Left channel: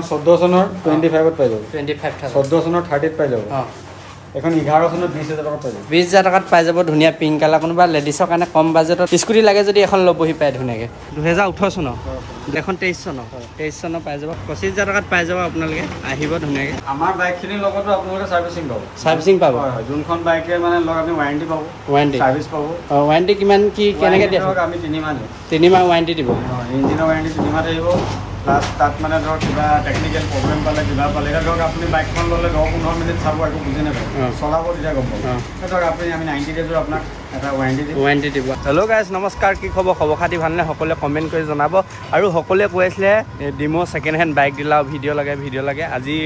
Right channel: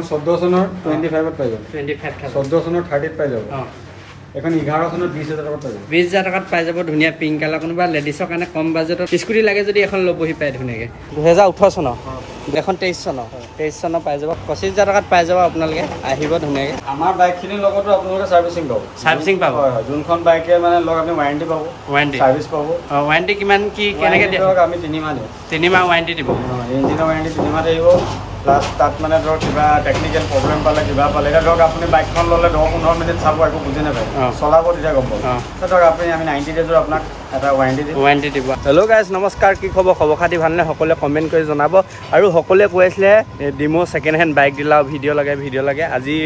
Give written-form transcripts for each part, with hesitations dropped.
এখন 14 চনৰ 25 পাই যাব 25,000 14 চনৰ 30 পাই যাব এখন 11 চনৰ 20,000 টকাত পাই যাব 20,000 টকাত পাই যাব ধুনীয়া পিংক কালাৰ কোনোবা লেডিছৰ কাৰণে কম বাজেটত স্কুটি লাগে যদি এখন ল'বহি পায় ধুনীয়াকৈ 2018 চনৰ এখন 23 চনৰ পাই যাব 25,000 টকাত পাই যাব আপোনালোকে আহিব ধুনীয়াকৈ আমাৰ বাইকখিনিৰ লগতো আপোনালোকে চাৰ্ভিচিং পাব যোনখন বাইকে মানে লগ আপুনি ৱাৰেণ্টি পাব চাৰ্ভিচ পাব ৱাৰেণ্টি কিমান কি কেনেকৈ দিয়ে আমি 3 মাহ 3 মাহ ৱাৰেণ্টি দিব ইঞ্জিনৰ ৱাৰেণ্টি 3 মাহ থাকিব প্লাছ তাত মানে ধৰক কিবা টেকনিকেল প্ৰব্লেম পালে কিবা পালে ধৰক আপুনি বাইকখন ল'লে 10-15 মিনিট চাব একো বুজি নাপায় চলাব তেতিয়া গম পাব ধৰক আপুনি আমি 90 ডেজৰ আপোনাক এটা ৱাৰেণ্টি দিব হেল্ল' গাইজ নমস্কাৰ কি খবৰ খাতি ভালনে সকলোৱে কমেণ্ট কৰি জনাব আৰু সকলোৱে কৈ আছিলে ডিমো ছেকেণ্ড হেণ্ড বাইক দিলাও ভিডিঅ' লাগে আজি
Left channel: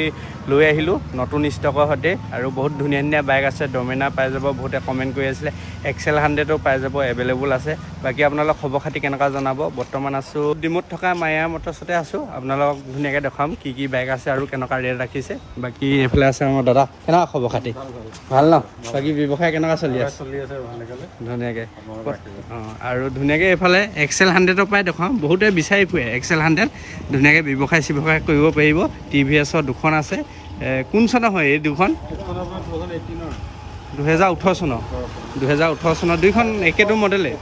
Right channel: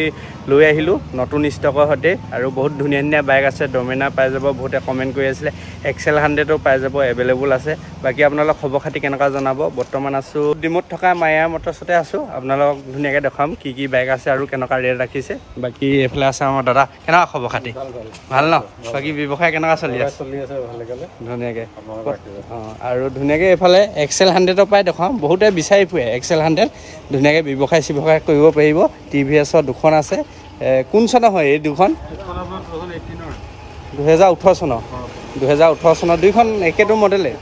লৈ আহিলোঁ নতুন ষ্টকৰ সৈতে আৰু বহুত ধুনীয়া বাইক আছে ডমিনাৰ পাই যাব বহুতে কমেণ্ট কৰি আছিলে এক্সেল 100ও পাই যাব এভেইলেবল আছে বাকী আপোনালোক খবৰ খাতি কেনেকুৱা জনাব বৰ্তমান আছোঁ ডিমোত থকা মায়া মটৰ্ছতে আছোঁ আপোনালোকক ধুনীয়াকৈ দেখাম কি বাইক আছে আৰু কেনেকুৱা ৰেট ৰাখিছে বাকী এইফালে আছে আমাৰ দাদা কেনেকুৱা খবৰ খাতি ভাল ন বাকী ব্যৱসায় কেনেকুৱা চলি আছে ধুনীয়াকৈ আৰু ধুনীয়াকৈ এইফালে এক্সেল 100ৰ পৰাই দেখাম বহুতে বিচাৰি ফুৰে এক্সেল 100 ধুনীয়াকৈ ব্যৱসায় কৰিব পাৰিব TVS-ৰ দুখন আছে কোন চনৰ হয় এই দুখন 2018 চনৰ দুইখন একেটো মডেলে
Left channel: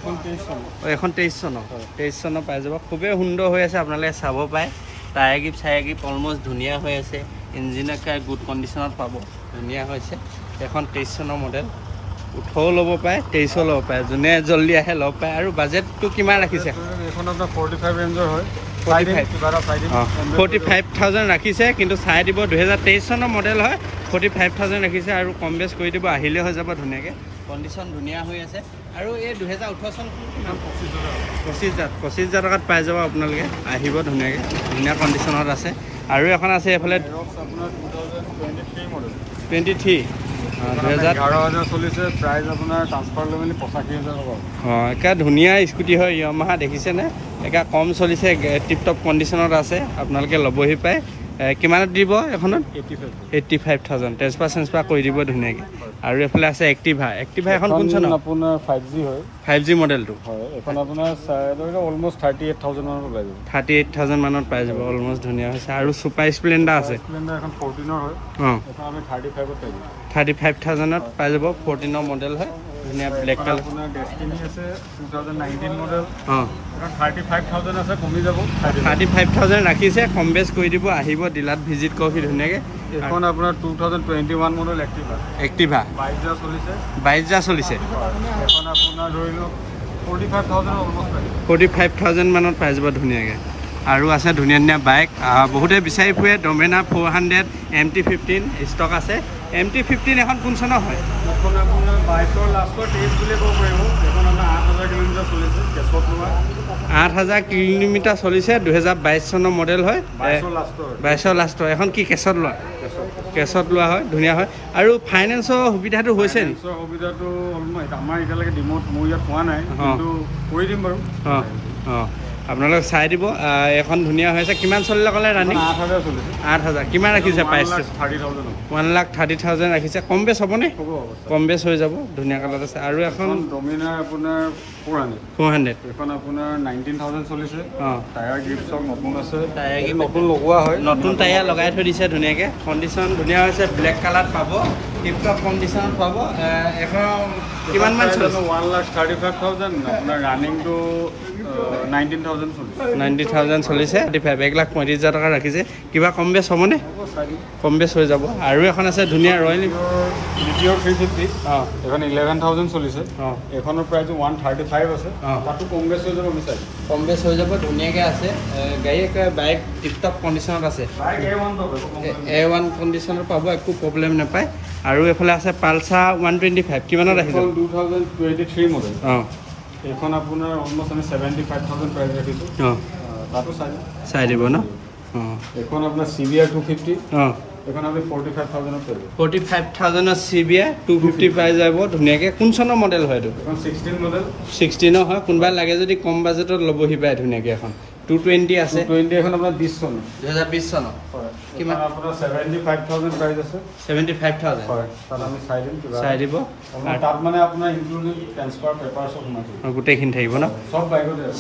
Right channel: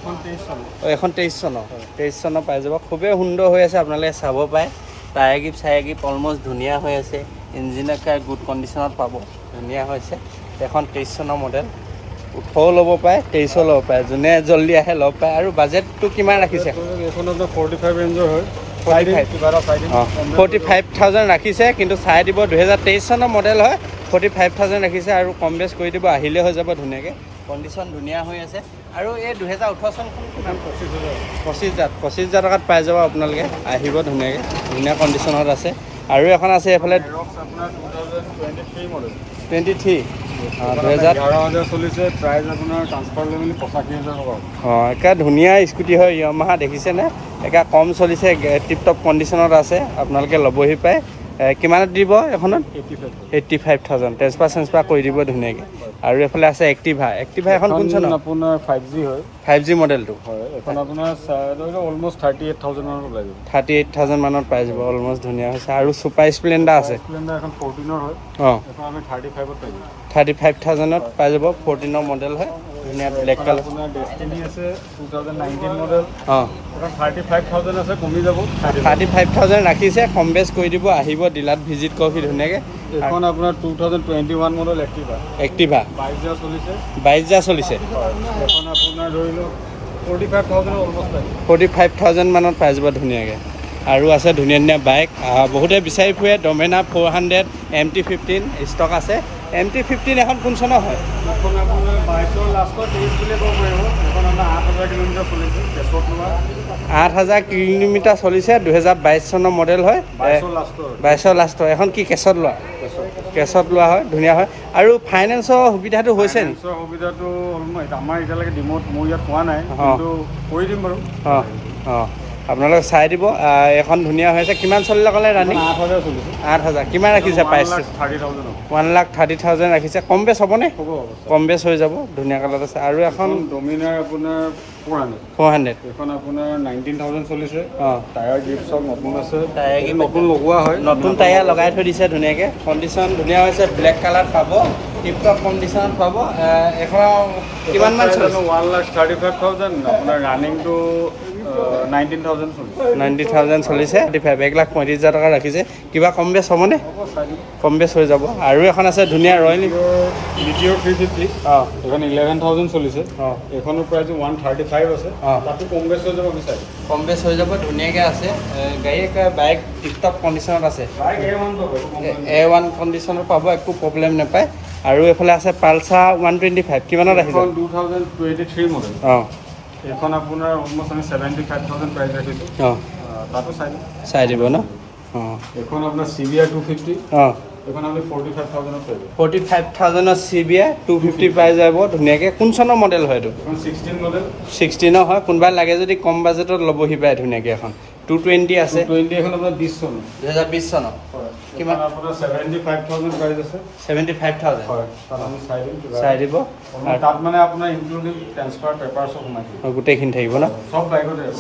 এখন 23 চনৰ পাই যাব খুবেই সুন্দৰ হৈ আছে আপোনালোকে চাব পাৰে টায়াৰ গিপ অলমষ্ট ধুনীয়া হৈ আছে ইঞ্জিন গুড কণ্ডিশ্যনত পাব ধুনীয়া হৈছে এখন 23 চনৰ মডেল 18 ল'ব পাৰে 23 ল'ব পাৰে যোনে জল্দি আহে ল'ব পাৰে আৰু বাজেটটো কিমান ৰাখিছে 45,000 ৰাখিছে কিন্তু চাই দিব 2023 চনৰ মডেল হয় 45,000 ৰাখিছে আৰু কম বেছ কৰি দিব আহিলে হৈ যাব ধুনীয়াকৈ কণ্ডিশ্যন ধুনীয়া হৈ আছে আৰু এই 2018 চনখন কিমান 25,000 টকাত পাই যাব আপোনালোকে আহিব ধুনীয়া কণ্ডিশ্যনত আছে আৰু এখন আছে এইফালে 23 একে ধুনীয়া স্কুটি হয় য়ামাহা দেখিছেনে একে কম চলিছে টিপটপ কণ্ডিশ্যনত আছে আপোনালোকে ল'বহি পায় কিমানত দিব এখনত 85,000 ট্ৰেন্সফাৰ কৰি দিব ধুনীয়াকৈ আৰু এইফালে আছে এক্টিভা এখন কোন চনৰ আপোনাৰ 5G হয় 5G মডেলটো এখন আপোনাৰ অলমষ্ট 38,000 মানত পাই যাব অলমষ্ট ধুনীয়া হৈছে আৰু ছুপাৰ স্প্লেণ্ডাৰ আছে এখন 14ৰ হয় এখন আমি 35ত পাই যাম 35,000ত পাই যাব 14ৰ মডেল হয় ধুনীয়া ব্লেক কালাৰ ডেষ্টিনি আছে 2019 মডেল 35,000 আছে কমি যাব 35,000 ৰাখিছে কম বেছ কৰি দিব আহিব ডিলাৰত ভিজিট কৰক ধুনীয়াকৈ এখন আপোনাৰ 2021 মডেল এক্টিভা 22,000 চলিছে এখন আপোনাৰ ধৰি লওক 45,000 অলমষ্ট 45,000 মানত পাই যাব ধুনীয়াকৈ আৰু আছে ধুনীয়া বাইক বহুতে বিচাৰি ফুৰে ডমিনাৰ 400 MT-15 ষ্টক আছে MT-15 এখন কোন চনৰ হয় 8,000 কিলোমিটাৰ চলিছে 2022 চনৰ মডেল হয় 22 লাষ্টৰ এখন কি কেছত লোৱা হয় ধুনীয়া হয় আৰু ফাইনেন্সৰ সুবিধাটো হৈছে নি সুবিধাটো আমাৰ এতিয়ালৈকে ডিমোত মোৰ ইয়াত পোৱা নাই কিন্তু কৰি দিম বাৰু আপোনালোকে চাই দিব এখন ধুনীয়া হৈ আছে কিমান চলিলে ক'লে ৰানিং 8,000 কিমান ৰাখিছে প্ৰাইচটো 1,30,000 ৰাখিছে কম বেছ হ'বনে কম বেছ হৈ যাব ধুনীয়া কালাৰত আছে আৰু এখন ডমিনাৰ আপোনাৰ 400 এখন আপোনাৰ 19,000 চলিছে টায়াৰ গিপ চব নতুন আছে টায়াৰ গিপ নতুন লগোৱা হয় নতুন টায়াৰ লগাই থৈ দিছে ধুনীয়াকৈ কণ্ডিশ্যন ধুনীয়া হৈছে ব্লেক কালাৰত পাব টিপটপ কণ্ডিশ্যনত পাব এখন কিমান মান চলিছে 1,35,000 আপোনাৰ ৰানিংটো 90,000 চলিছে 1,35,000 টকা ৰাখিছে কিবা কম বেছ হ'বনে কম বেছ হৈ যাব আৰু এখন আছে ধুনীয়া ৰয়েল Meteor 350 এখন 11,000 চলিছে এখনৰ প্ৰাইচ 135 আছে তাতো কম বেছ হৈ যাব কম বেছ হৈ যাব ধুনীয়াকৈ আছে গাড়ী বাইক টিপটপ কণ্ডিশ্যনত আছে A1 কণ্ডিশ্যনত পাব একো প্ৰব্লেম নাপায় আৰু এইফালে আছে পালচাৰ 125 কিমানত আহিব 2023 মডেল এখন আপোনাৰ অলমষ্ট আমি 75,000 প্ৰাইচ ৰাখিছোঁ তাতো চাই দিব ন এখন আপোনাৰ CBR 250 এখন আমি 45,000 পাই 45,000 CBR 250 পাই যাব ধুনীয়াকৈ কোন চনৰ মডেল হয় এইটো এখন 16 মডেল 16 হয় কোনোবাই লাগে যদি কম বাজেটত ল'বহি পায় ধুনীয়াকৈ এখন 220 আছে 220 এখন আপোনাৰ 20 চন 2020 চনৰ কিমান আপোনাৰ 75,000 প্ৰাইচ আছে 75,000 হয় তাত আমি চাই দিব তাত মানে আপোনাৰ ইনক্লুডিং ট্ৰান্সফাৰ পেপাৰ সব সোমাই গোটেইখিনি থাকিব ন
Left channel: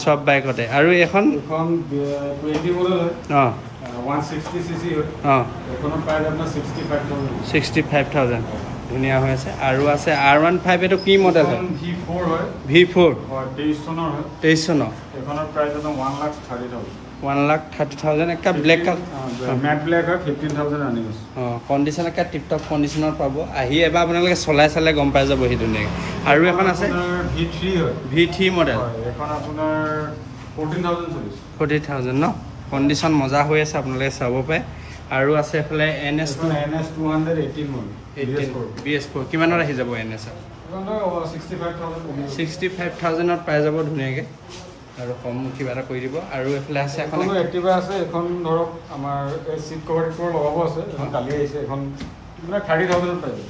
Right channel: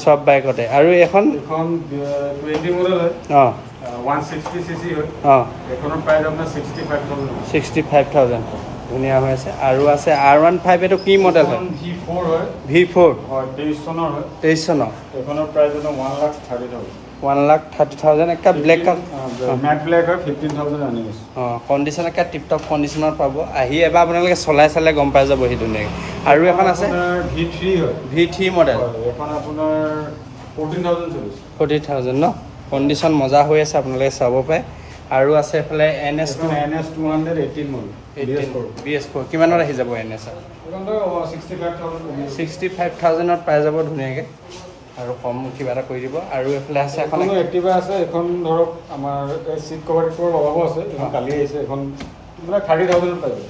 সব বাইকতে আৰু এখন 20 মডেল হয় 160 cc হয় অঁ এখনৰ প্ৰাইস আপোনাৰ 65,000 ধুনীয়া হৈ আছে আৰু আছে R15 এটো কি মডেল হয় V4 হয় V4 হয় 23 চনৰ হয় 23 চনৰ এখনৰ প্ৰাইস আছে 1,30,000 1,30,000 একটা ব্লেক কালাৰ ম্যাট ব্লেক হয় 15,000 আনি আছে কণ্ডিশ্যন একটা টিপ টপ কণ্ডিশ্যনত পাব আহি এবাৰ আপোনালোকে চলাই চালে গম পাই যাব সি ধুনীয়াকৈ আৰু এখন আছে V3 হয় V3 মডেল এখন আপোনাৰ 14,000 চলিছে 40,000 ন কণ্ডিশ্যন মজা হৈ আছে আপোনালোকে চাব পাৰে আৰু আছে এফালে NS 218 মডেল 18 BS4 কিমানত আহি যাব NS 65,000ত পাই যাব ধুনীয়াকৈ আৰু কম কিবা এটা কৰি দিব আৰু এফালে আছে এখন এক্টিভা আছে এখন ধৰক আমাৰ সিট কভাৰ লগাব আছে কালি আহিছে এখন মানে 30,000ত পাই যাব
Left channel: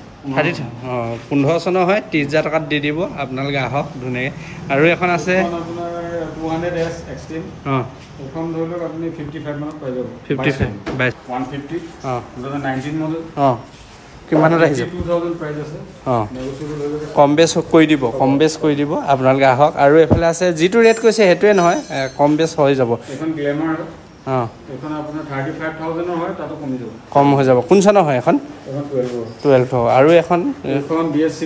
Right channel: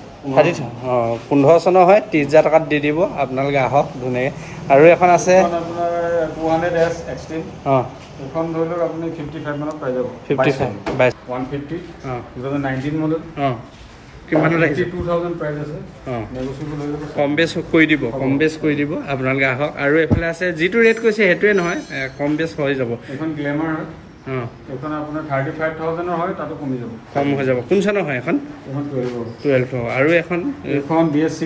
15 চনৰ হয় 30,000 টকাত দি দিব আপোনালোকে আহক ধুনীয়াকৈ আৰু এখন আছে আপোনাৰ 200S Extreme এখন ধৰি লওক আপুনি 55 মানত পাই যাব 55 150 2019 মডেল কিমানত আহিছে 2000 প্ৰাইস আছে নেগোচিয়েবল হৈ যাব কম বেছ কৰি দিব আপোনালোকে আহক আৰু এফালে আছে যিটো ৰেট কৈছে সেইটোৱে নহয় কম বেছ হৈ যাব এখন গ্লেমাৰ এখন আপোনাৰ 35,000 হয় তাতো কমি যাব কম হৈ যাব কোন চনৰ হয় এখন 12 আৰু এখন BS6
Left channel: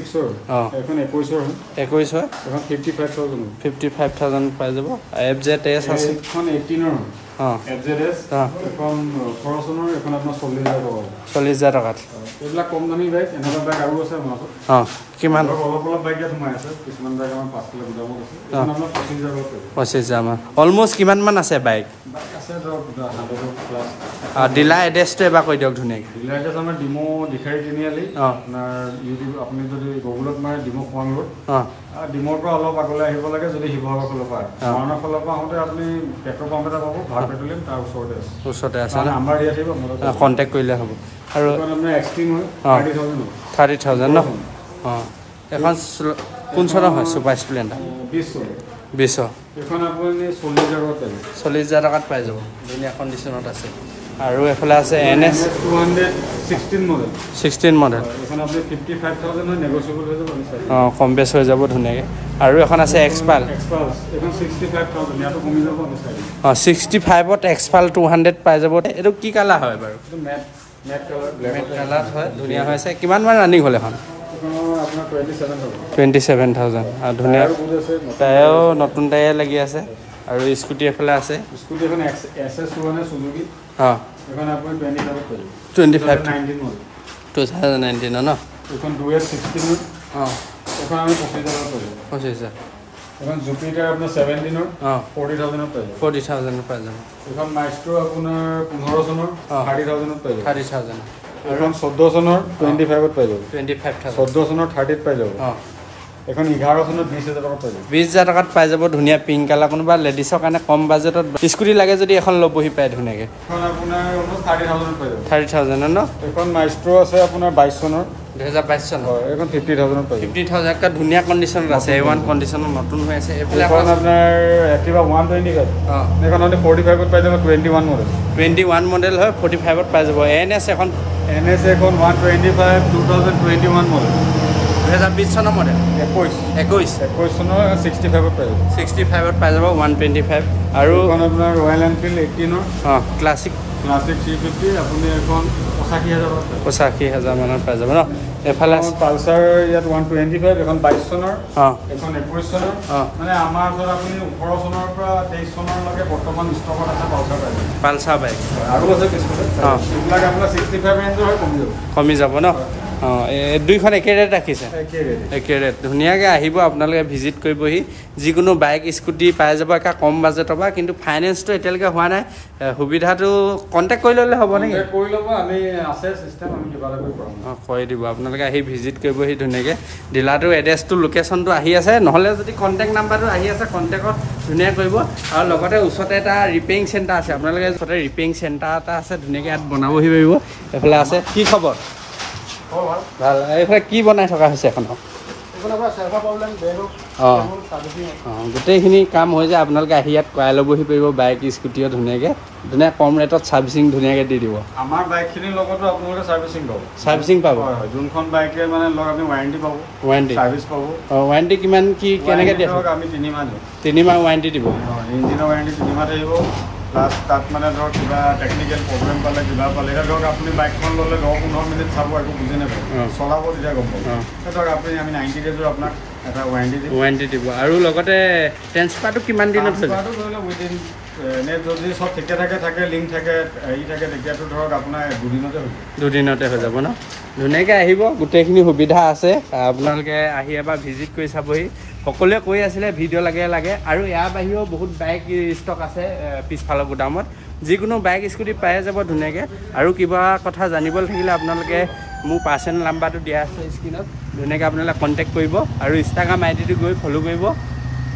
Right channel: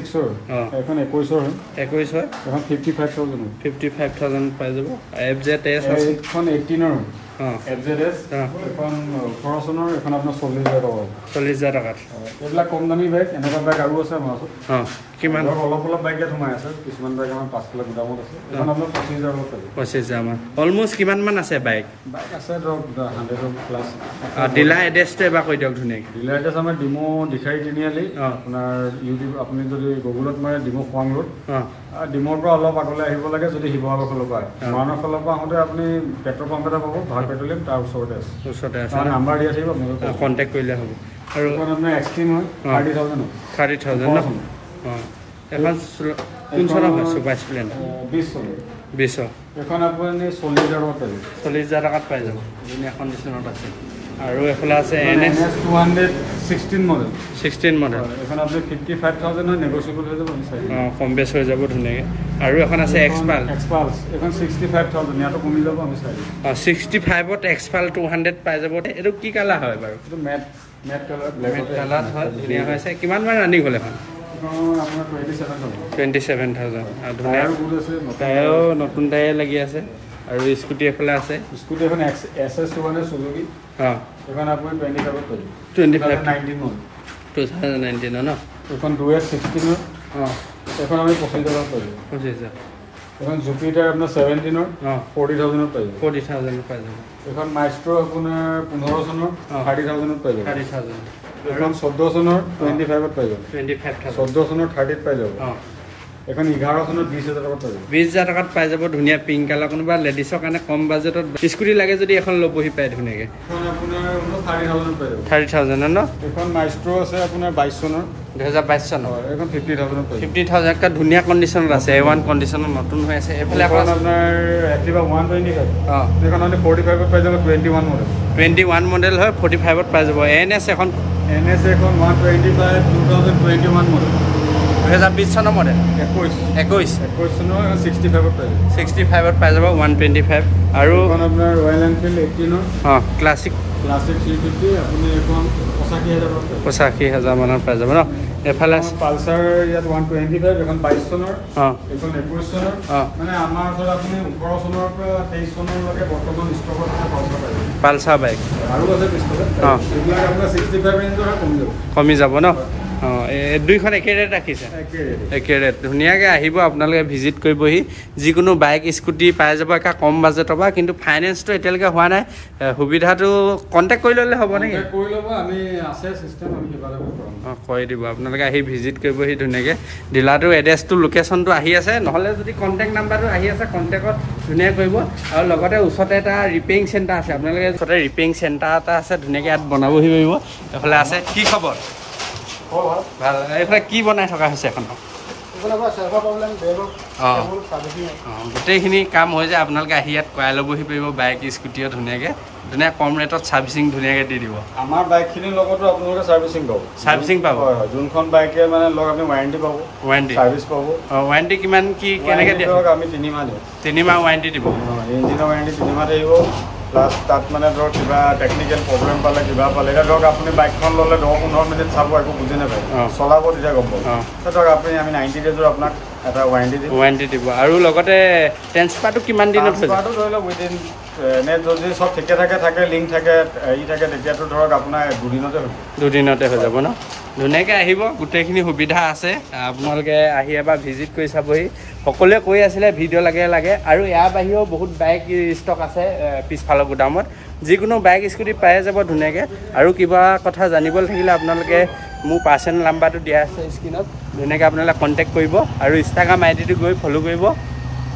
এখন 21 হয় 21 হয় এখন 55,000 পাই যাব FZS আছে এখন 18 FZS এখন 18 চনৰ এখন আপোনাৰ 40,000 টকাত এইবিলাক কম দামী বাইক এনেকুৱা বাইক আৰু আছে আমাৰ ওচৰত কিমান অলপ বাইক ইয়াত সোমাই আছে কিছুমান বাইক আমাৰ 5 লাখ দামত আছে এখন আপোনাৰ 25,000 মান অলমোষ্ট কিমান মান আছে বাইক আছে ধৰক 100 প্লাছ ডিলাৰ এড্ৰেছটো এবাৰ কৈ দিয়ক ধুনীয়াকৈ ডিলাৰ এড্ৰেছ আমাৰ ডিমো দিখাৰী তিনিআলি আপোনাৰ ইউটিউব আপুনি যদি গুগলত মাৰে ডিমো খোৱাং ৰোড ডিমোৰ পৰা অলপ আগলৈ আহিব লাগে যদি শিৱসাগৰ ফালৰ পৰা মৰাণৰ ফালৰ পৰা আহোঁতে আপুনি পেট্ৰল পাম্প এটা পাব ভাল পেট্ৰলিয়াম তাৰ ওচৰতে আছে নাম্বাৰ দিয়া থাকিব আপোনালোকে কণ্টেক্ট কৰিলে হ'ব আৰু আপোনাৰ এক্সট্ৰিম হয় 30,000 ন এখন কোন চনৰ হয় ছুপাৰ স্প্লেণ্ডাৰ 20 এখন আপুনি 40,000 টকাত পাই যাব ধুনীয়া কণ্ডিশ্যনত আছে আৰু এফালে আছে NS 16 মডেল এখন আপুনি 55,000 হয় নেগোচিয়েবল হৈ যাব কম বেছ হৈ যাব ধুনীয়াকৈ আৰু এখন আছে এক্সপাল এখন 65,000 ইয়াতো কমি যাব 65ত এক্সপাল 200 পাই যাব এইটো কি কালাৰ হয় বাৰু মেট কালাৰ হয় ধুনীয়া হৈছে কিমান মান ৰানিং হ'ল এখন 27,000 আৰু ধুনীয়া টায়াৰো নতুন টায়াৰ লাগি আছে আৰু স্কুটি এফালে আছে স্কুটি এখন SS মানে সুজুকি এখন আপুনি 2019 ন এখন 2S16 এখন আমি 25,000 এখন জুপিটাৰ আপোনাৰ 17 40,000 পাই যাব এখন মাইষ্ট্ৰো আপোনাৰ 15 চনৰ 30,000 পাই যাব 30,000 এখন 14 চনৰ 25 পাই যাব 14 চনৰ 30 পাই যাব এখন 11 চনত 20,000 টকাত পাই যাব 20,000 টকাত পাই যাব ধুনীয়া পিংক কালাৰ কোনোবা লেডিছৰ কাৰণে কম বাজেটত স্কুটি লাগে যদি এখন ল'বহি পায় ধুনীয়াকৈ এখন আপোনাৰ 30,000 পাই যাব 30,000 ন এখন মাইষ্ট্ৰো আছে আপোনাৰ 22 চনৰ 2022 চনৰ এখন 50,000 পাই 50,000 কা ধুনীয়া কণ্ডিশ্যনত আছে A1 কণ্ডিশ্যনত নতুন হৈ আছে এফালে আপোনাৰ এক্টিভা 125 এখন মানে 45 পাই যাব 21 মডেল হয় 45ত পাই যাব NS এখন 125 2021 মডেল 2020 চনৰ মডেল 21 চনৰ 65 পাই যাব 125 আৰু ৰয়েল এনফিল্ড 18 ক্লাছিক 350 আপুনি এখন 85,000 মানত পাই যাব ন এফালে পালচাৰ ইয়াত 125 এখন 22 চনৰ এখন 21 চনৰ মানে আমাৰ ওচৰত আপুনি 18 চনৰ পৰা 23 চনলৈকে বৰ্তমান ষ্টকত আছে পালচাৰ বাইক আৰু আছে এইবিলাক আপোনাৰ 65 ৰেঞ্জৰ হয় কমি যাব ন দুইখন একে ৰেট ৰাখিছে একে ৰেট ধুনীয়াকৈ আহিব আপোনালোকে ভিজিট কৰিবহি যিকোনো বাইক স্কুটি পাই যাব একা কম বাজেটৰ পৰা কিন্তু ফাইনেন্সটো এতিয়ালৈকে হোৱা নাই সুবিধাটো কণ্টেক্ট কৰি ল'লে হ'ব নেকি কৰি দিব আপোনালোকে আহি ভিজিট কৰিবহি ধুনীয়াকৈ ডিলাৰটো এড্ৰেছটো লোকেশ্যনটো আহি আছে নহ'লে যদি কণ্টেক্ট নাম্বাৰটো আহি আছে কণ্টেক্টত ধুনীয়াকৈ কৰিব আৰু লগতে ওচৰতে এটা ৰিপেয়াৰিং চেণ্টাৰ আছে আপোনালোকে ওচৰতে ৰিপেয়াৰিং চেণ্টাৰ এটা আছে ধুনীয়াকৈ ইয়াত বনাবহি পাৰিব এইফালে আছে কি খবৰ ভাল এইফালে কি বনাই থকা হৈছে এখন গোটেইখিনি কাম হৈ যায় আপোনালোকে আহি ইয়াত কৰাই ল'বহি পাৰিব বাইক স্কুটিও ধুনীয়াকৈ কম ৰেটত ছাৰ্ভিচিং ধুনীয়াকৈ দি দিব আমাৰ বাইকখিনিৰ লগতো আপোনালোকে ছাৰ্ভিচিং পাব যোনখন বাইকে মানে লগ আপুনি ৱাৰেণ্টি পাব ছাৰ্ভিচ পাব ৱাৰেণ্টি কিমান কি কেনেকৈ দিয়ে আমি 3 মাহ 3 মাহ ৱাৰেণ্টি দিব ইঞ্জিনৰ ৱাৰেণ্টি 3 মাহ থাকিব প্লাছ তাত মানে ধৰক কিবা টেকনিকেল প্ৰব্লেম পালে কিবা পালে এতিয়া ধৰক আপুনি বাইকখন ল'লে 10-15 মিনিট চাব একো বুজি নাপায় চলাব তেতিয়া গম পাব ধৰক আপুনি আমি 90 ডেজৰ আপোনাক এটা ৱাৰেণ্টি দিব আৰু লগতে ট্ৰেন্সফাৰটো কিমান দিনত হৈ যায় ধৰি লওক উইদিন এনে যদি চব ঠিকে থাকে লিংক থাকে হেৰি থাকে তেতিয়াতো ধৰক আপোনাৰ দুদিনতে হৈ যাব ন ধুনীয়াকৈ আহিব গোটেইখিনি সুবিধা আছে আপোনালোকে আহি এবাৰ ভিজিট কৰি চাবহি সকলোৱে কৈ আছিলে ভিডিঅ' লাগে আৰু ইয়াৰ বাহিৰেও বহুত বাইক ষ্টক আছে পিছফালৰ গুদামত যিকোনো বাইক স্কুটি পাই যাব ধুনীয়াকৈ আৰু কিবা কথা জানিবলৈ থাকিলে আপোনালোকে মোৰ পাৰ্চনেল নাম্বাৰটো দিয়া আছে স্ক্ৰীনত ধুনীয়াকৈ আপোনালোকে কণ্টেক্ট কৰিব আৰু ইনষ্টাগ্ৰাম আইডিটো গৈ ফ'ল' কৰিব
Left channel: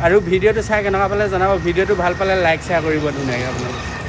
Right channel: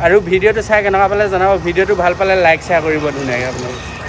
আৰু ভিডিঅ'টো চাই কেনেকুৱা পালে জনাব ভিডিঅ'টো ভাল পালে লাইক শ্বেয়াৰ কৰিব ধুনীয়াকৈ আপোনালোকে